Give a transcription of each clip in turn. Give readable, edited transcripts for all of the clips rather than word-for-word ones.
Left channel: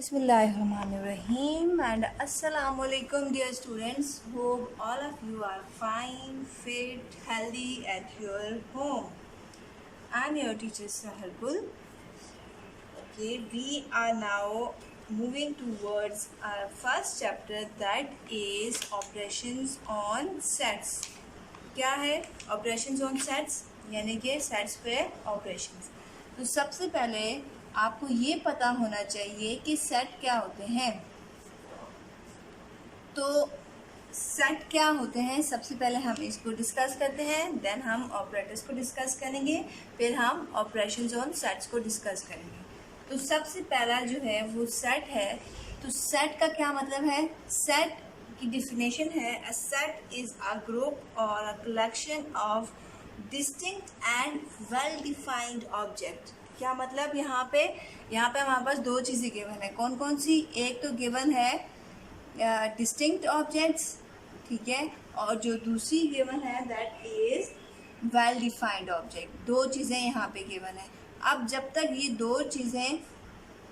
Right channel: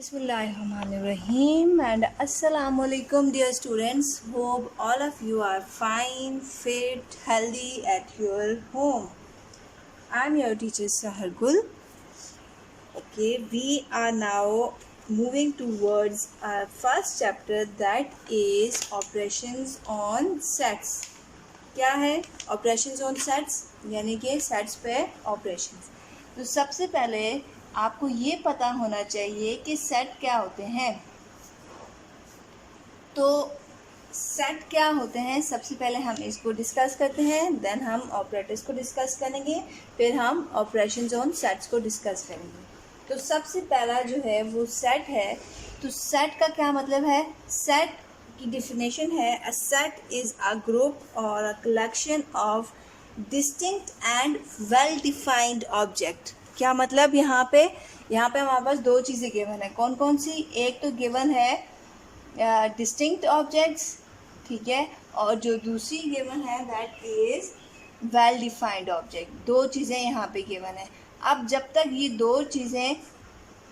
Bismillahirrahmanirrahim and Assalamualaikum dear students. Hope all of you are fine, fit, healthy at your home. I am your teacher Sahar Gul. Okay, we are now moving towards our first chapter, that is operations on sets. क्या है operations on sets? यानी कि sets पे operations. तो सबसे पहले आपको ये पता होना चाहिए कि सेट क्या होते हैं। तो सेट क्या होते हैं, सबसे पहले हम इसको डिस्कस करते हैं, देन हम ऑपरेटर्स को डिस्कस करेंगे, फिर हम ऑपरेशंस ऑन सेट्स को डिस्कस करेंगे। तो सबसे पहला जो है वो सेट है। तो सेट का क्या मतलब है? सेट की डेफिनेशन है, a set is a group और a collection of distinct and well defined object. क्या मतलब? यहाँ पे हमारे पास दो चीज़ें गिवन है। कौन कौन सी? एक तो गिवन है डिस्टिंक्ट ऑब्जेक्ट्स, ठीक है, और जो दूसरी गिवन है that is well defined object. दो चीज़ें यहाँ पे गिवन है। अब जब तक ये दो चीज़ें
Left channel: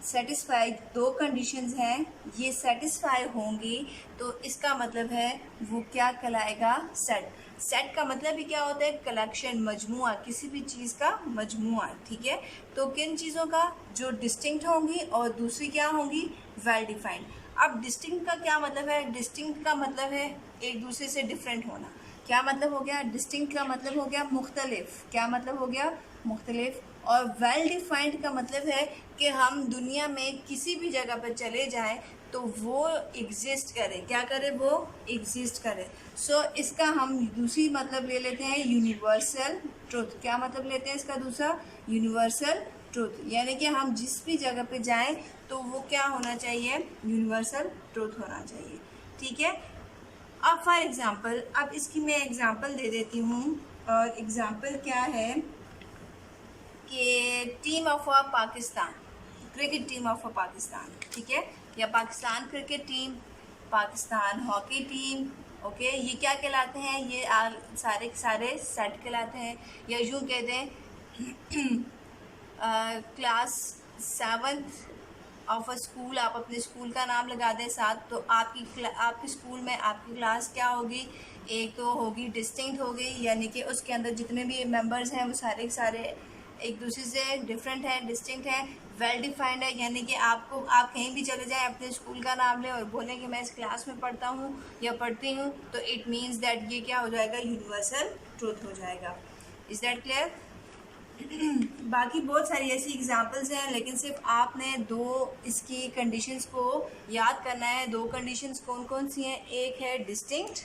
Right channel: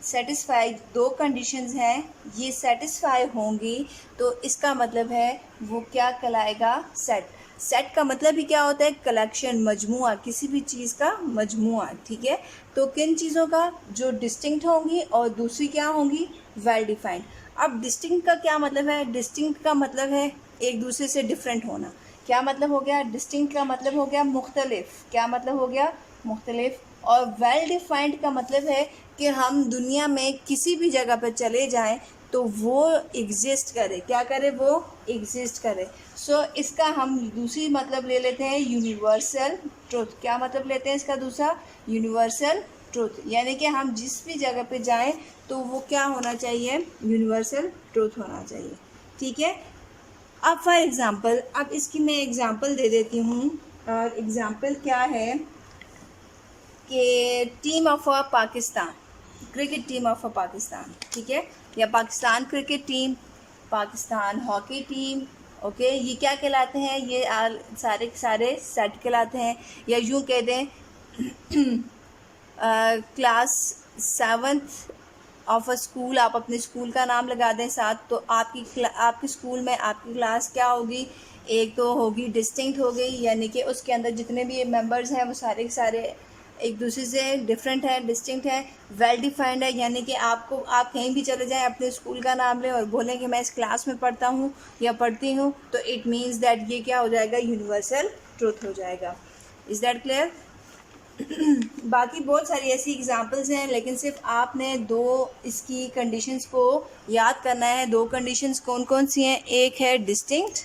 सेटिस्फाई, दो कंडीशंस हैं, ये सेटिस्फाई होंगी तो इसका मतलब है वो क्या कहलाएगा? सेट। सेट का मतलब ही क्या होता है? कलेक्शन, मजमुआ, किसी भी चीज़ का मजमुआ, ठीक है। तो किन चीज़ों का? जो डिस्टिंक्ट होंगी और दूसरी क्या होंगी? Well defined. अब डिस्टिंक्ट का क्या मतलब है? डिस्टिंक्ट का मतलब है एक दूसरे से डिफरेंट होना। क्या मतलब हो गया? डिस्टिंक्ट का मतलब हो गया मुख्तलिफ। क्या मतलब हो गया? मुख्तलिफ। और वेल डिफाइंड का मतलब है कि हम दुनिया में किसी भी जगह पर चले जाएं तो वो एग्जिस्ट करे। क्या करे? वो एग्जिस्ट करे। सो इसका हम दूसरी मतलब ले लेते हैं यूनिवर्सल ट्रुथ। क्या मतलब लेते हैं इसका दूसरा? Universal truth. यानी कि हम जिस भी जगह पे जाएं तो वो क्या होना चाहिए? यूनिवर्सल ट्रुथ होना चाहिए, ठीक है। अब फॉर एग्ज़ाम्पल, अब इसकी मैं एग्ज़ाम्पल दे देती हूँ। और एग्ज़ाम्पल क्या है कि team of a Pakistan, cricket team of a Pakistan, ठीक है, या Pakistan cricket team, Pakistan hockey team, okay, ये क्या कहलाते हैं? ये सारे के सारे सेट कहलाते हैं। या यूँ कह दें class 7th of a school, आप अपने स्कूल का नाम लगा दें साथ, तो आपके स्कूल में आपकी क्लास क्या होगी? एक तो होगी डिस्टिंक्ट हो गई, यानी कि उसके अंदर जितने भी मेंबर्स हैं वो सारे के सारे एक दूसरे से डिफरेंट है, डिस्टिंक्ट है। वेल डिफाइंड है, यानी कि आप कहीं भी चले जाएं, अपने स्कूल का नाम लें और बोलें कि मैं इस क्लास में पढ़ता हूँ या पढ़ती हूँ, तो इट मीन्स दैट ये क्या हो जाएगा? यूनिवर्सल ट्रुथ हो जाएगा। Is that clear? बाकी बहुत सारी ऐसी एग्जांपल्स हैं, लेकिन सिर्फ आपने दो इसकी कंडीशंस को याद करना है। दो कंडीशंस कौन कौन सी हैं? एक है डिस्टिंक्ट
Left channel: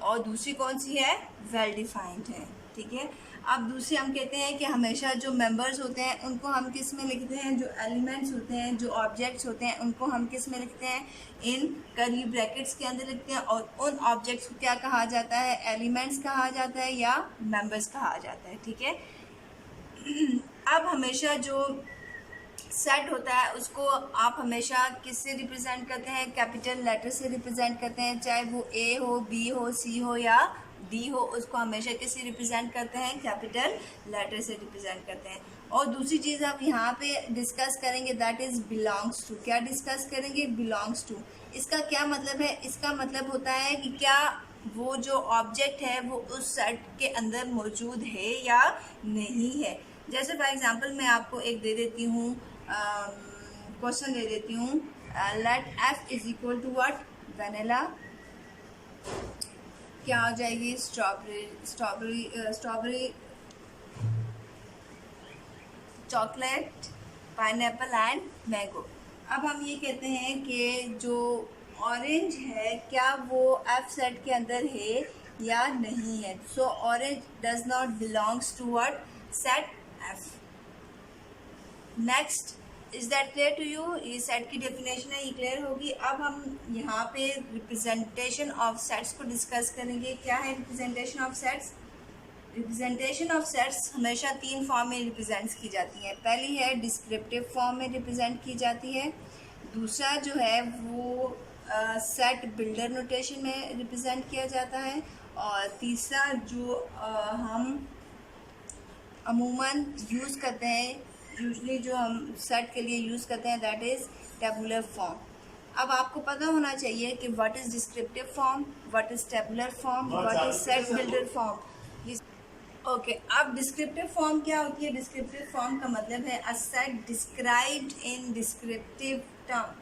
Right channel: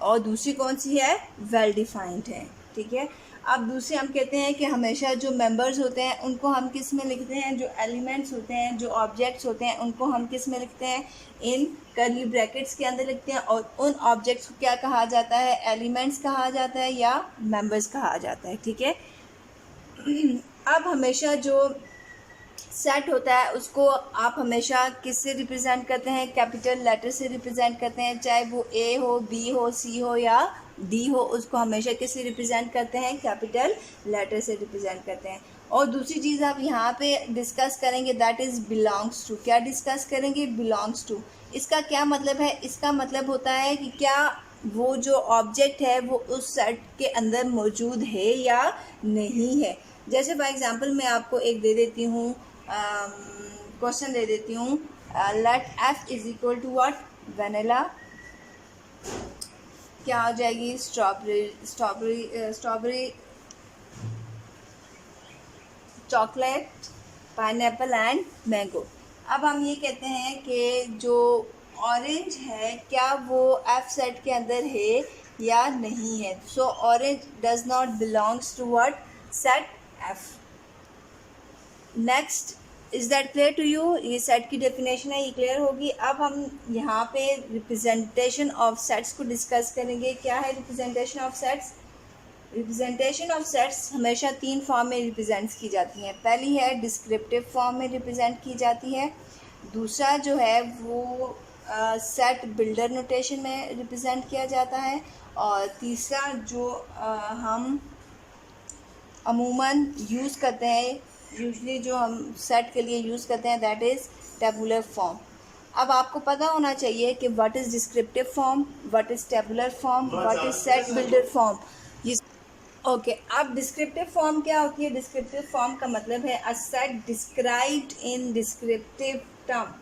और दूसरी कौन सी है? वेल डिफाइंड है, ठीक है। अब दूसरे हम कहते हैं कि हमेशा जो मेंबर्स होते हैं उनको हम किस में लिखते हैं? जो एलिमेंट्स होते हैं, जो ऑब्जेक्ट्स होते हैं, उनको हम किस में लिखते हैं? इन कर्ली ब्रैकेट्स के अंदर लिखते हैं। और उन ऑब्जेक्ट्स को क्या कहा जाता है? एलिमेंट्स कहा जाता है या मेंबर्स कहा जाता है, ठीक है। अब हमेशा जो सेट होता है उसको आप हमेशा किससे रिप्रेजेंट करते हैं? कैपिटल लेटर से रिप्रेजेंट करते हैं, चाहे वो ए हो, बी हो, सी हो या डी हो, उसको हमेशा किससे रिप्रेजेंट करते हैं? कैपिटल लेटर से रिप्रेजेंट करते हैं। और दूसरी चीज़ आप यहाँ पे डिस्कस करेंगे दैट इज़ बिलोंग्स टू। क्या डिस्कस करेंगे? Belongs to. इसका क्या मतलब है? इसका मतलब होता है कि क्या वो जो ऑब्जेक्ट है वो उस सेट के अंदर मौजूद है या नहीं है। जैसे फॉर एग्जांपल मैं आपको एक दे देती हूँ, क्वेश्चन दे देती हूँ, let F is equal to what? Vanilla. क्या हो जाएगी? Strawberry, chocolate, pineapple and mango. अब हम ये कहते हैं कि जो ऑरेंज है क्या वो एफ सेट के अंदर है या नहीं है। So orange does not belongs to what? Set F. Next, is that clear to you? ये सेट की डेफिनेशन है, ये क्लियर होगी। अब हम यहाँ पे रिप्रेजेंटेशन ऑफ सेट्स को डिस्कस करेंगे। क्या है representation of sets? Representation of sets हमेशा तीन फॉर्म में रिप्रेजेंट की जाती हैं। पहली है डिस्क्रिप्टिव फॉर्म में रिप्रेजेंट की जाती है, दूसरा जो है वो सेट बिल्डर नोटेशन में रिप्रेजेंट किया जाता है, और तीसरा जो हम अमूमन यूज़ करते हैं यूजली जो हम सेट के लिए यूज़ करते हैं दैट इज़ टेबुलर फॉर्म। अब आपको पता होना चाहिए कि what is descriptive form, what is tabular form, what is set builder form. Okay, अब डिस्क्रिप्टिव फॉर्म क्या होती है? डिस्क्रिप्टिव फॉर्म का मतलब है a set described in descriptive term.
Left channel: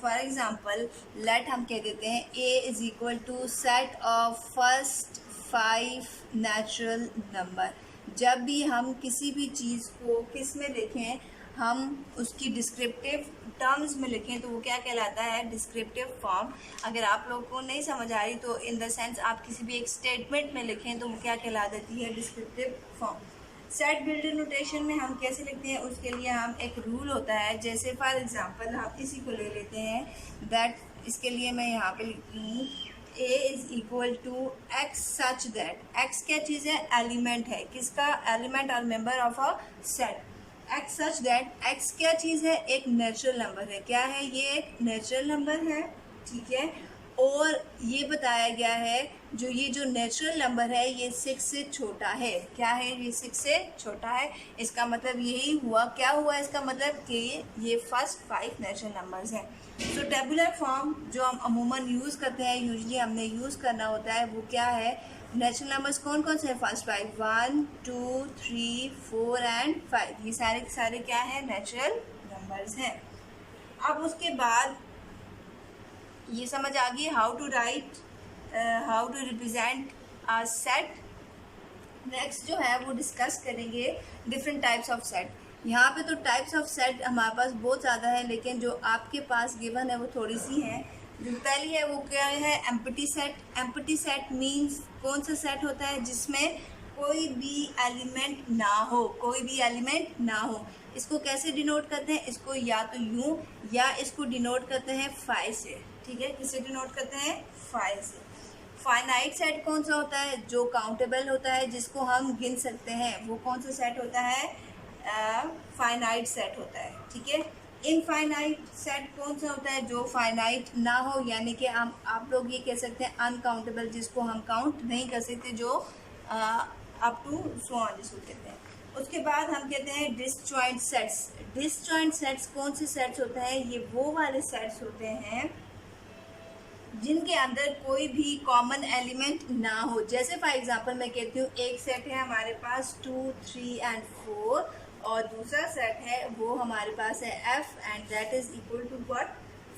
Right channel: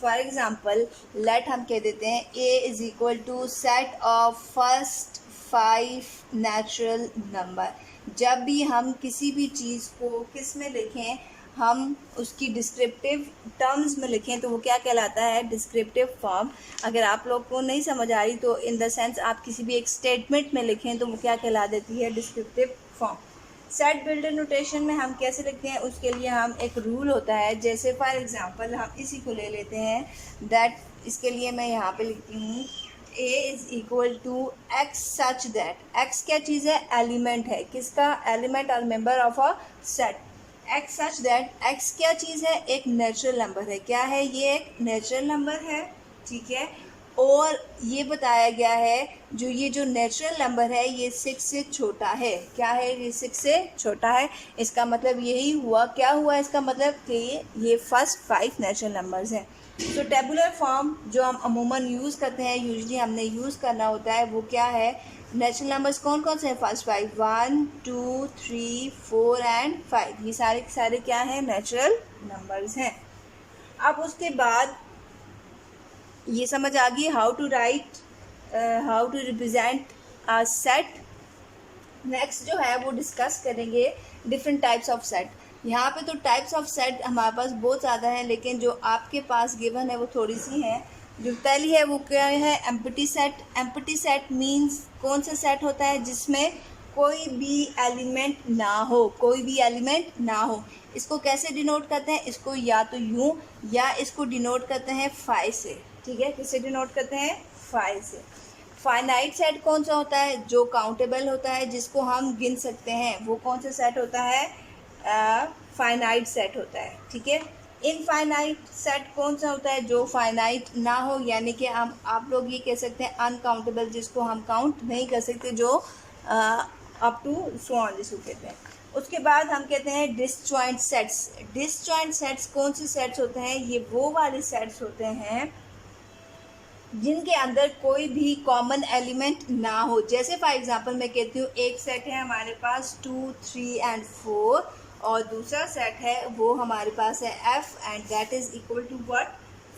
For example let हम कह देते हैं A is equal to set of first 5 natural number. जब भी हम किसी भी चीज़ को किस में लिखें, हम उसकी डिस्क्रिप्टिव टर्म्स में लिखें तो वो क्या कहलाता है? Descriptive form. अगर आप लोग को नहीं समझ आ रही तो इन द सेंस आप किसी भी एक स्टेटमेंट में लिखें तो वो क्या कहला देती है? Descriptive form. Set builder notation में हम कैसे लिखते हैं? उसके लिए हम एक रूल होता है, जैसे फॉर एग्जांपल हम इसी को ले लेते हैं दैट, इसके लिए मैं यहाँ पे लिखती हूँ A is equal to X such that. X क्या चीज़ है? एलिमेंट है। किसका? एलिमेंट और member of a set. X such that, X क्या चीज़ है? एक नेचुरल नंबर है। क्या है ये? एक नेचुरल नंबर है, ठीक है। और ये बताया गया है जो नेचुरल नंबर है ये 6 से छोटा है। क्या है? ये 6 से छोटा है। इसका मतलब यही हुआ, क्या हुआ इसका मतलब कि ये फर्स्ट 5 नेचुरल नंबर्स हैं। तो टेबुलर फॉर्म जो हम अमूमन यूज़ करते हैं, यूजली हमने यूज़ करना होता है, वो क्या है? नेचुरल नंबर्स कौन कौन से हैं? फर्स्ट 5, 1 2 3 4 एंड 5, ये सारे के सारे क्या हैं? नेचुरल नंबर्स हैं। अब उसके बाद ये समझ आ गई how to write, how to represent a set. Next जो है वो डिस्कस करेंगे डिफरेंट टाइप्स ऑफ सेट। यहाँ पे तो टाइप्स ऑफ सेट हमारे पास बहुत ज़्यादा है, लेकिन जो आपके पास गिवन है वो थोड़ी सी हैं। जो पहली है वो क्या है? Empty set. Empty set means कौन सा सेट होता है? जिसमें कोई भी एलिमेंट ना हो, कोई भी एलिमेंट ना हो। इसको कैसे डिनोट करते हैं? इसको या तो यूँ या इसको डिनोट करते हैं फाइव से, ठीक है। किससे डिनोट करते हैं? फाइव से। फाइनाइट सेट कौन सा होता है? जो काउंटेबल होता है, जिसको हम गिन सकते हैं, वो कौन सा सेट होता है? फाइनाइट सेट होता है, ठीक है। इनफाइनाइट सेट कौन सा होता है? जो फाइनाइट ना हो, यानी कि हम आप लोग ये कह सकते हैं अनकाउंटेबल, जिसको हम काउंट नहीं कर सकते, जो अप टू सो ऑन जिसको कहते हैं। उसके बाद हम कहते हैं डिसजॉइंट सेट्स। डिसजॉइंट सेट्स कौन से सेट्स होते हैं? ये वो वाले सेट्स होते हैं जिनके अंदर कोई भी कॉमन एलिमेंट ना हो। जैसे फॉर एग्जांपल मैं कहती हूँ एक सेट है हमारे पास 2 3 एंड 4, और दूसरा सेट है वो हमारे पास है F and that is equal to what?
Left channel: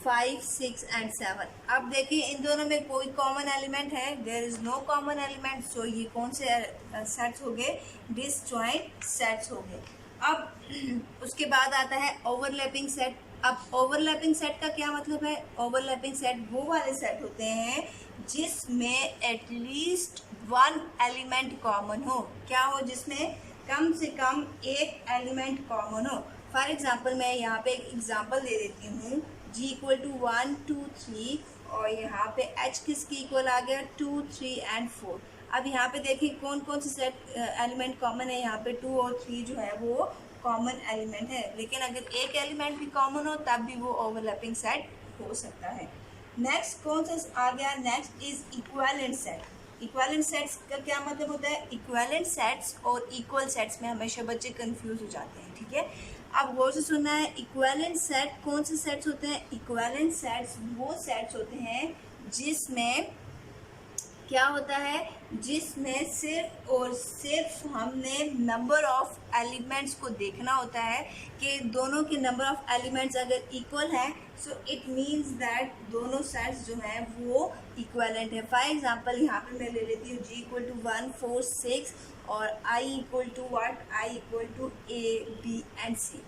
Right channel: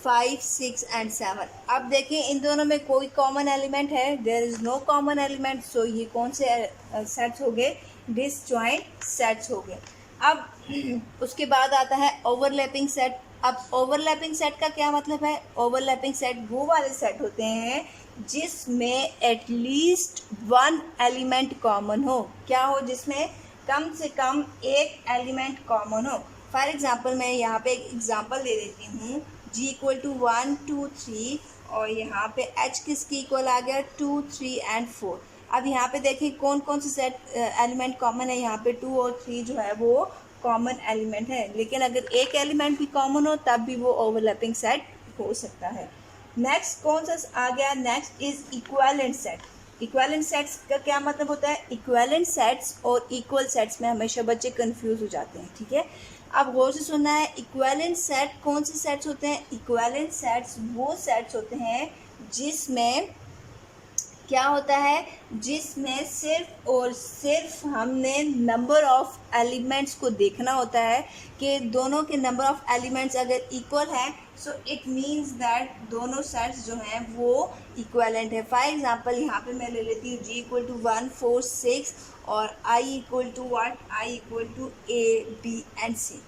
5 6 and 7। अब देखिए इन दोनों में कोई कॉमन एलिमेंट है? There is no common element. So ये कौन से सेट्स हो गए? डिसजॉइंट सेट्स हो गए। अब उसके बाद आता है ओवरलैपिंग सेट। अब ओवरलैपिंग सेट का क्या मतलब है? ओवरलैपिंग सेट वो वाले सेट होते हैं जिसमें एटलीस्ट वन एलिमेंट कॉमन हो। क्या हो? जिसमें कम से कम एक एलिमेंट कॉमन हो। फॉर एग्जांपल मैं यहाँ पे एक एग्जांपल दे देती हूँ, g इक्वल टू 1 2 3, और यहाँ पे h किसकी इक्वल आ गया? 2 3 एंड 4। अब यहाँ पे देखिए कौन कौन से सेट एलिमेंट कॉमन है। यहाँ पे 2 और 3 जो है वो कॉमन एलिमेंट है, लेकिन अगर एक एलिमेंट भी कॉमन हो तब भी वो ओवरलैपिंग सेट हो सकता है। नेक्स्ट कौन सा आ गया? Next is equivalent set. Equivalent sets का क्या मतलब होता है? इक्विवेलेंट सेट्स और इक्वल सेट्स में हमेशा बच्चे कंफ्यूज हो जाते हैं, ठीक है। अब गौर से सुनना है, इक्विवेलेंट सेट कौन से सेट्स होते हैं? इक्विवेलेंट सेट्स वो सेट्स होते हैं जिसमें क्या होता है? जिसमें सिर्फ और सिर्फ हमने नंबर ऑफ एलिमेंट्स को देखना होता है कि दोनों के नंबर ऑफ एलिमेंट्स अगर इक्वल हैं, सो इट मीन्स दैट दोनों सेट्स जो हैं वो इक्वलेंट है। फॉर एग्जांपल यहाँ पे मैं ले लेती हूँ g इक्वल टू 1 4 6 और i equal to what? i equal to a b and c।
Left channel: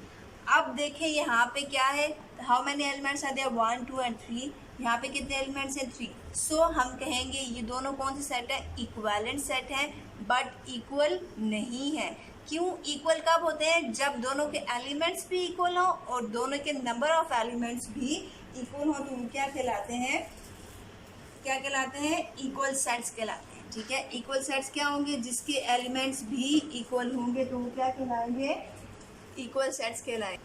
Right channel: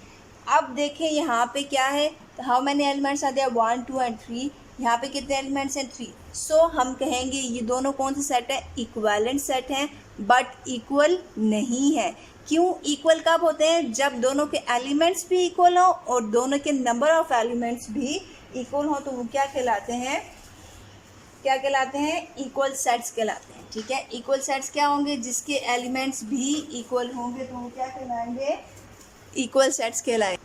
अब देखें यहाँ पे क्या है? हाउ मैनी एलिमेंट्स आ दिया? 1 2 एंड 3। यहाँ पे कितने एलिमेंट्स हैं? 3। सो हम कहेंगे ये दोनों कौन से सेट है? इक्विवेलेंट सेट हैं, बट इक्वल नहीं है। क्यों? इक्वल कब होते हैं? जब दोनों के एलिमेंट्स भी इक्वल हो और दोनों के नंबर ऑफ एलिमेंट्स भी इक्वल हो, तो वो क्या कहलाते हैं? क्या कहलाते हैं? इक्वल सेट्स कहलाते हैं, ठीक है। इक्वल सेट्स क्या होंगे? जिसके एलिमेंट्स भी इक्वल होंगे तो वो क्या कहलाएंगे? इक्वल सेट्स कहलाएंगे।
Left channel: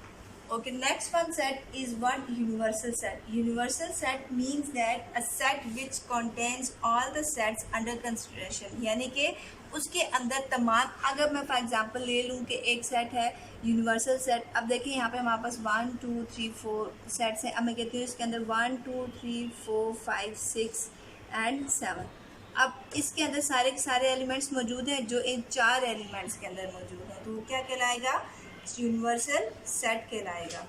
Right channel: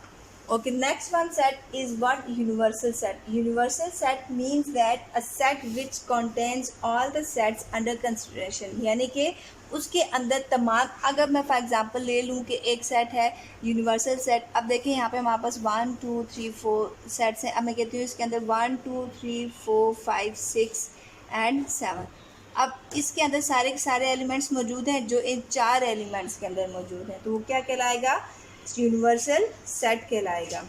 Okay, next one set is what? Universal set. Universal set means that a set which contains all the sets under consideration, यानी कि उसके अंदर तमाम, अगर मैं फॉर एग्जांपल ले लूँ कि एक सेट है यूनिवर्सल सेट, अब देखें यहाँ पे हमारे पास 1 2 3 4 सेट्स हैं। अब मैं कहती हूँ इसके अंदर 1 2 3 4 5 6 एंड 7। अब इसके अंदर सारे के सारे एलिमेंट्स मौजूद हैं जो इन 4 एलिमेंट्स के अंदर मौजूद हैं, तो वो क्या कहलाएगा? यूनिवर्सल सेट कहलाएगा।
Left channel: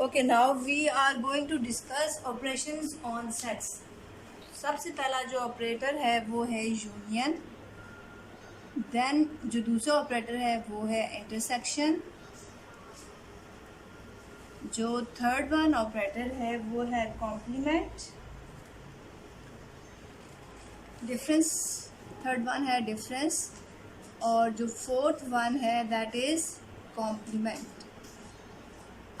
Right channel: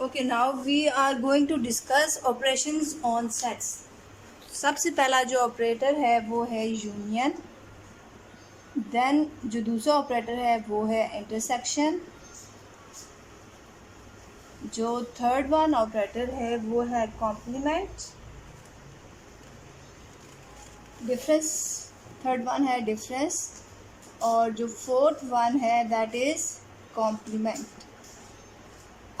Okay, now we are going to discuss operations on sets. सबसे पहला जो ऑपरेटर है वो है यूनियन, देन जो दूसरा ऑपरेटर है वो है इंटरसेक्शन, जो थर्ड वन ऑपरेटर है वो है कॉम्प्लीमेंट, डिफरेंस, थर्ड वन है डिफरेंस, और जो फोर्थ वन है दैट इज़ कॉम्प्लीमेंट।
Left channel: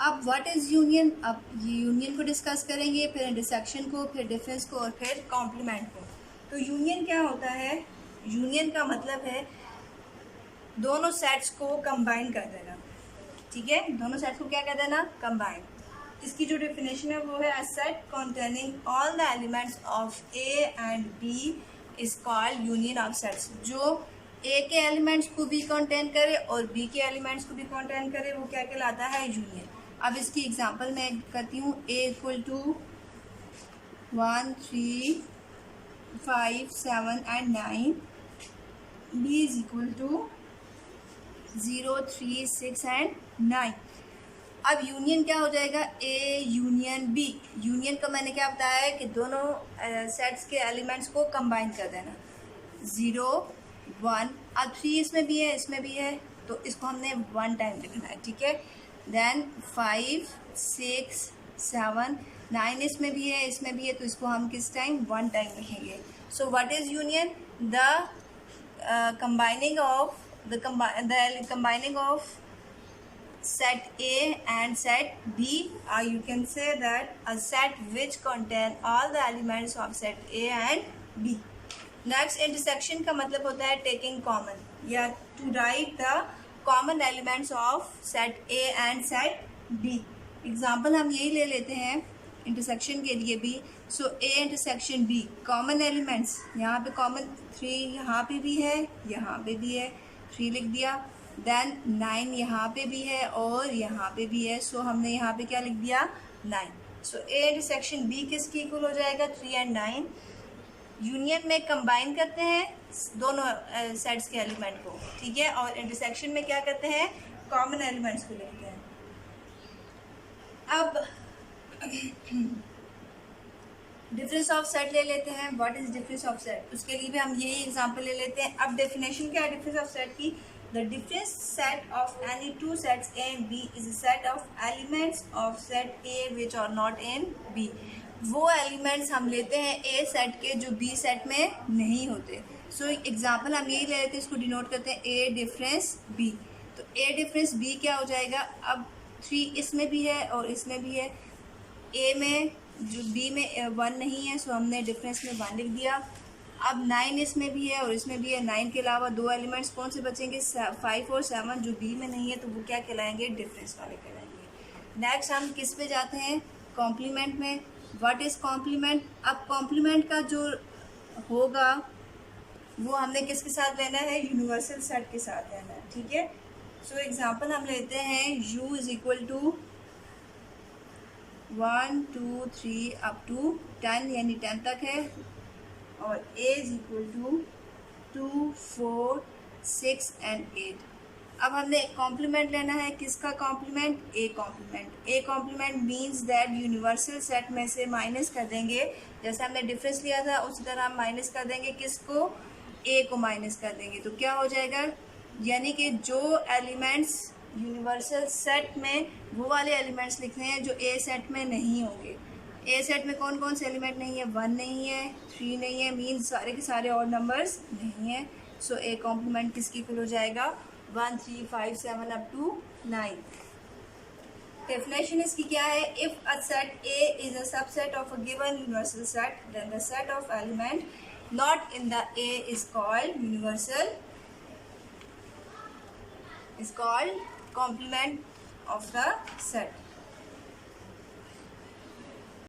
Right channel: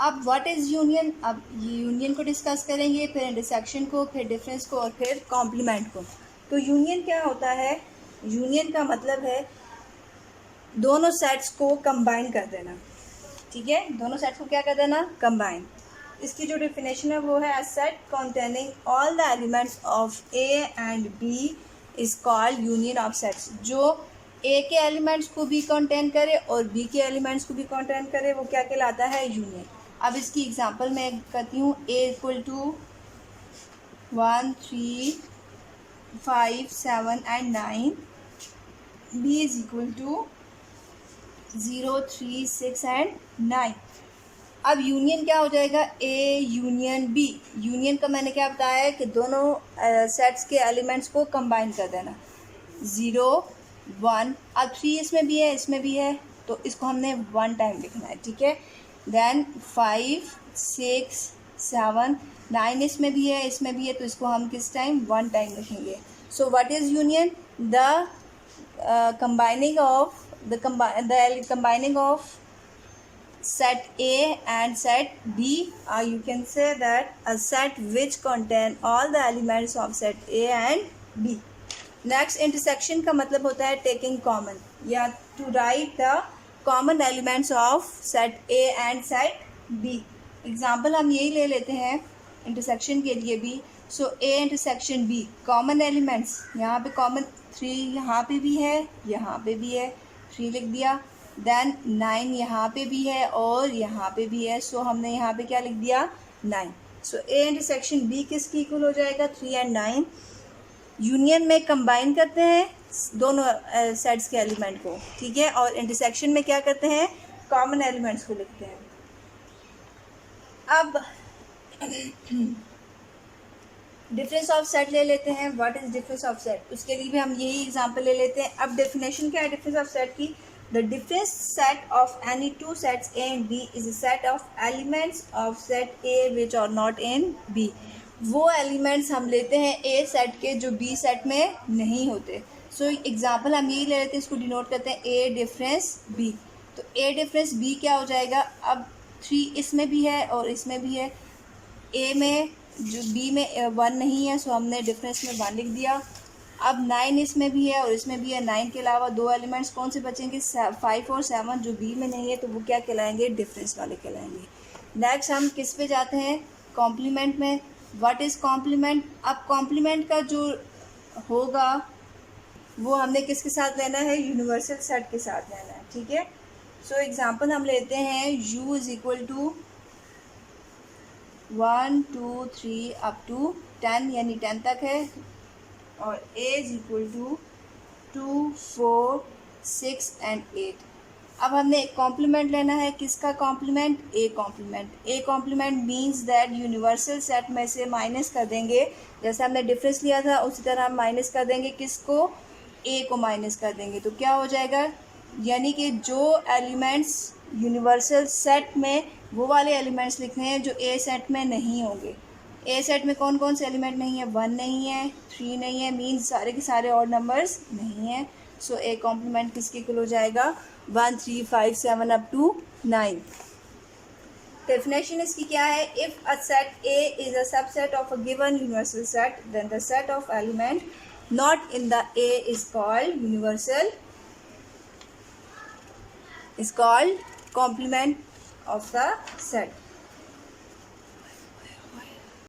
अब व्हाट इज़ यूनियन? अब ये यूनियन को डिस्कस करेंगे, फिर इंटरसेक्शन को, फिर डिफरेंस को और फिर कॉम्प्लीमेंट को। तो यूनियन क्या होता है? यूनियन का मतलब है दोनों सेट्स को कंबाइन कर देना, ठीक है? दोनों सेट्स को क्या कर देना? कंबाइन। इसकी जो डेफिनेशन है वो है a set containing all the elements of A and B is called union of sets. जो ए के एलिमेंट्स को भी कंटेन करे और बी के एलिमेंट्स को भी कंटेन करे वो क्या कहलाता है? यूनियन। अब इसकी एग्जांपल मैं करती हूँ। A equal to 1 3 5 7 and 9, B is equal to 0 3 6 and 9। अब यूनियन क्या हो जाएगा? A union B. यूनियन का मैंने क्या बताया है कि दोनों सेट्स के एलिमेंट्स को कंबाइन कर देना। 0 1, अब 3 इसमें भी है इसमें भी है तो इसको हमने 1 टाइम लिखना है, ठीक है? देन 5 6 7 9 इसमें भी है इसमें भी है तो इसको हम किस टाइम? 1 टाइम लिखेंगे। So what is union? The combining of set A and set B, you can say that a set which contain all the elements of set A and B. Next, intersection का मतलब होता है taking common या to write the common elements of set A and set B. Example हम यही ले लेते हैं इंटरसेक्शन के लिए भी। So A intersection B, common elements यहाँ पे कॉमन 3 यहाँ पे भी है यहाँ पे भी है, 3 लिख दिया। देन 9 यहाँ पे भी है और यहाँ पे भी है, सो हमने यहाँ पे क्या लिख दिया? 9। सो ए इंटरसेक्शन बी किसकी इक्वल हो जाएगा? 3 एंड 9। यूनियन में कंबाइन करते हैं दोनों सेट्स के एलिमेंट को, ठीक है? और इंटरसेक्शन में क्या करते हैं? कॉमन एलिमेंट्स को लिखते हैं। अब डिफरेंस ऑफ सेट ले लेते हैं। What is difference of set? उसके लिए भी हम यही एग्जांपल ले लेते हैं। अब डेफिनेशन क्या है डिफरेंस ऑफ सेट की? The difference set of any two sets A and B is a set of elements of set A which are not in B. वो एलिमेंट्स हम लेते हैं ए सेट के जो बी सेट में नहीं होते। सो एग्जांपल हम यही ले लेते हैं, इसको डिनोट करते हैं ए डिफरेंस बी। तो ए डिफरेंस बी क्या हो जाएगा? अब 3 इसमें भी है और इसमें भी है। ए में जो बी में 1 नहीं है सो हमने डिफरेंस में 1 लिख दिया। अब 9 इसमें भी है और इसमें भी है। 9 के अलावा 2 एलिमेंट्स कौन से बचेंगे? 5 और 7 जो बी में नहीं है तो वो क्या कहलाएंगे? डिफरेंस वाले कहलाएंगे। नेक्स्ट हम किस पे जाते हैं? कॉम्प्लीमेंट में। What is complement? अब कॉम्प्लीमेंट का जो होगा वो हमने किसके साथ लेना है? यूनिवर्सल सेट के साथ लेना है, ठीक है? सो एग्जांपल हम लेते हैं u is equal to 1 2 3 up to 10 यानी 10 तक है, और a is equal to 2 4 6 and 8। अब हमने कॉम्प्लीमेंट लेना है। किसका complement? A complement. A complement means that universal set में से माइनस कर देंगे, जैसे हमने डिफरेंस लिया था उसी तरह हम माइनस कर देंगे। किसको? ए को माइनस कर देंगे तो क्या हो जाएगा? यानी कि जो एलिमेंट्स यूनिवर्सल सेट में वो वाले एलिमेंट्स लिखने हैं जो ए सेट में नहीं होंगे। ए सेट में कौन कौन से एलिमेंट नहीं है? 1 नहीं है, 3 नहीं है, मीन्स सारे के सारे ऑड नंबर्स नहीं हैं। सो ए कॉम्प्लीमेंट किसकी इक्वल हो जाएगा? 1 3 5 7 अप टू 9। डेफिनेशन इसकी क्या है? If a set A is a subset of a given universal set then the set of element not in the A is called universal, is called complement of the set.